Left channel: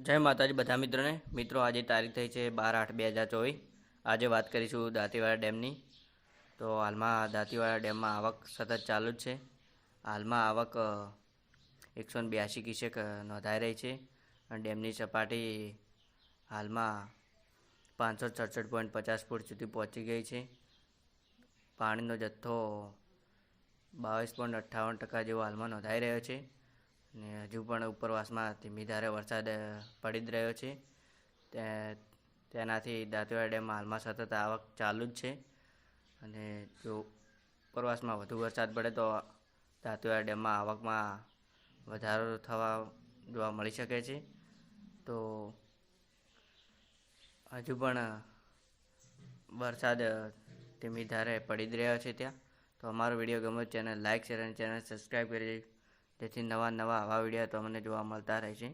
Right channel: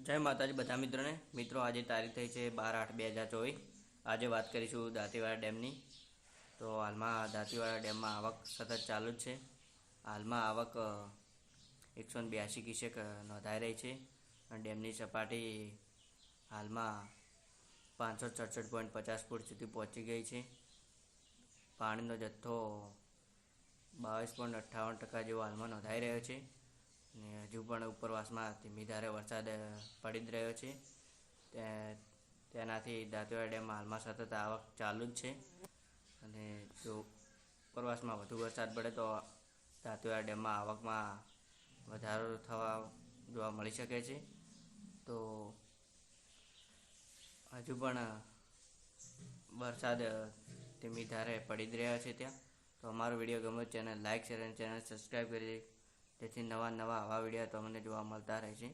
જય માતાજી બધા મિત્રોને. મિત્રો, આજે તારીખ થઈ છે બાર આઠ બે હજાર ચોવીસ. આજે વાત કરીશું દાંતીવાડા ડેમની. તો હાલમાં દાંતીવાડા ડેમમાં આવક સતત ચાલુ જ છે. હાલમાં આવક એકસો બ્યાસી ક્યુસેક નોંધાઈ રહી છે. અને ડેમની સપાટી હાલમાં પાંચસો સડસઠ પોઈન્ટ પચાસ ફૂટ સુધી પહોંચી ગઈ છે. પાણીનો જથ્થો બાવીસ પોઈન્ટ અઠ્ઠાવન ટકા જેવો હાલમાં નોંધાઈ રહ્યો છે. ને હજુ પણ ઉપરવાસમાં ધીમી ધારે વરસાદ પડી જ રહ્યો છે. તે, તેનાથી દાંતીવાડા ડેમમાં હાલમાં સતત આવક ચાલુ જ છે. અને જો ઉપરવાસમાં વધુ વરસાદ પડે તો દાંતીવાડા ડેમમાં આવકમાં વધારો થવા જોવા મળી શકે છે. તો હજુ પણ વરસાદ ધીમી ધારે પડી જ રહ્યો છે ત્યાં. તો અમારો વીડિયો ગમે ચેનલ લાઇક શેર અને ચેનલ સબસ્ક્રાઈબ કરી જેથી નવા નવા આવા વીડિયો તમને જોવા મળતા રહે છે